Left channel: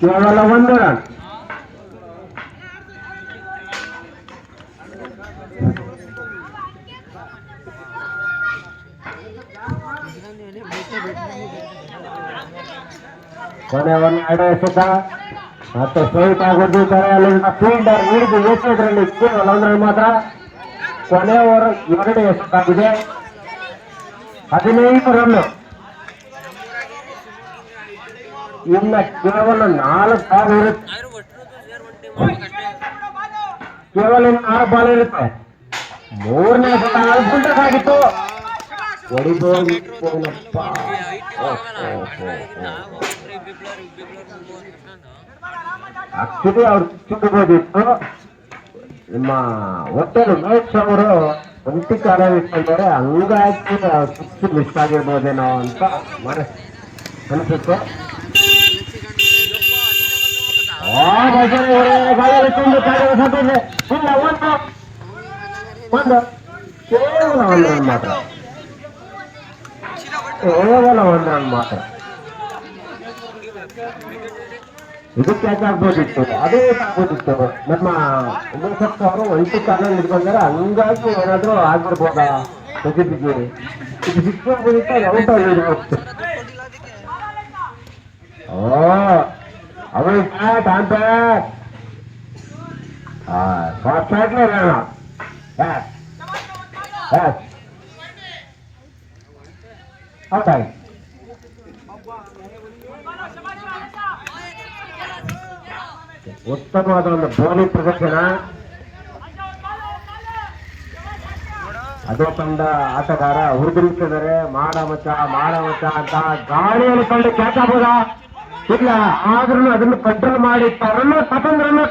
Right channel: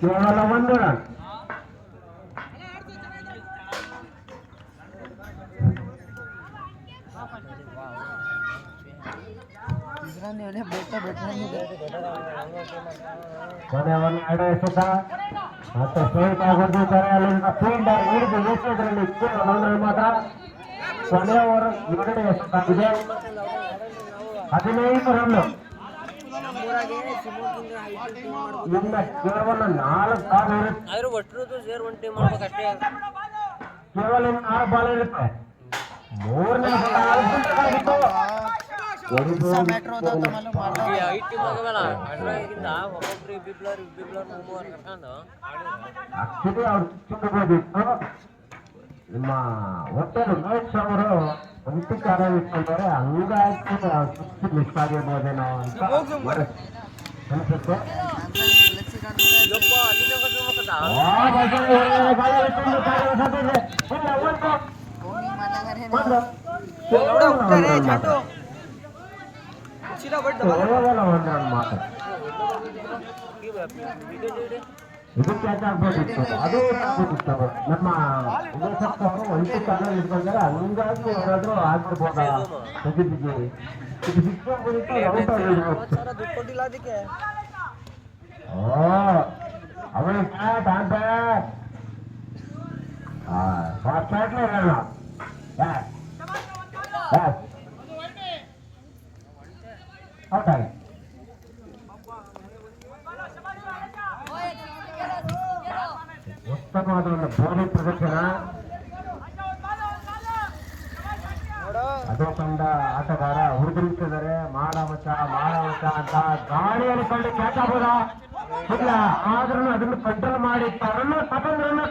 ಕೇವಲ 1 ರನ್. ಕೊನೆ 2 ಎಸೆತ ಮತ್ತೆ ಸ್ಟ್ರೈಟ್ ಆಗಿದ್ದಾರೆ. ಅಲ್ಲಿಂದ ಫೀಲ್ಡರ್ ಹಿಡಿದು ಎಸೆದ್ರಲ್ಲಿ ಕೇವಲ 1 ರನ್ ಮಾತ್ರ. ಕೊನೆ ಓವರ್ 2 ಎಸೆತಾಗಿದೆ, 15 ರನ್. ಇನ್ನ ಕೇವಲ 4 ಬಾಲ್ ಇರುತ್ತೆ, ಕೇವಲ 4 ಬಾಲ್ ಇರುತ್ತೆ. 3ನೇ ಎಸೆತ ಅದ್ಭುತವಾಗಿತ್ತು, ಹೊಡಿಬೋದು. ಆಕ್ಚುಲಿ ಅವ್ರು ಚಿಕ್ಕಬೋದಿತ್ತು. ನಿಮ್ಮ ಒಟ್ಟಲ್ಲಿ ಮಹೇಶ್ ಅವರು ಒಂಟಿ ಕಾಲ ಇಟ್ಕೊಂಡಿದ್ದಾರೆ, ಹಂಗಾಗಿ ಸಿಕ್ಸ್ ಮಿಸ್ ಆಗಿರ್ಬೋದೇನೋ ಅಂತ ಅನಿಸುತ್ತೆ. ಕೇವಲ 1 ರನ್ ಮಾತ್ರ. ಇದು ಕ್ಯಾಚ್ ಆಗ್ಬೋದಿತ್ತು, ಅದೇ ಆಗ್ಬೋದಿತ್ತು. ನಮ್ಮ ಉಮೇಶ್ ಅವರು ಒಂಟಿ ಕಾಲ ಹಿಡ್ಕೊಂಡ್ರೆ, ಹಂಗಾಗಿ ಏನಾದ್ರು ಆಗಿರ್ಬೋದ ತೆಗೆದಿಗೆ. ಇದು ಸಿಕ್ಸ್ ಆಗ್ಬೋದಿತ್ತು, ಔಟ್ ಆಗಿರ್ಬೋದು. ಅವಳು ಬ್ಯಾಟ್ ಆನ್ ಬ್ಯಾಟ್ ಫಾಸ್ಟ್ ಬ್ಯಾಟ್ಲೇ ಬೇಡ. ಔಟ್ ಆಗಿ ಉತ್ತಮವಾದ ಒಂದು ಬೌಲಿಂಗ್ ಪ್ರದರ್ಶನ. ಅದೇ ತಂಡ ಆಟಗಾರ ಹುಡುಗಿದ್ದಾರೆ, ಮಾಡ ಮಚ್ಚ ಅಂತ ಗಾಳಿಯಲ್ಲಿ ಕಂಡು ಕ್ಯಾಚ್ ಆಗ್ಬೋದಾ? ಇಲ್ಲ, ಆದ್ರೂ ಅದನ್ನು ಕಂಟ್ರೋಲ್ ಮಾಡಿ ರನ್, 11 ರನ್.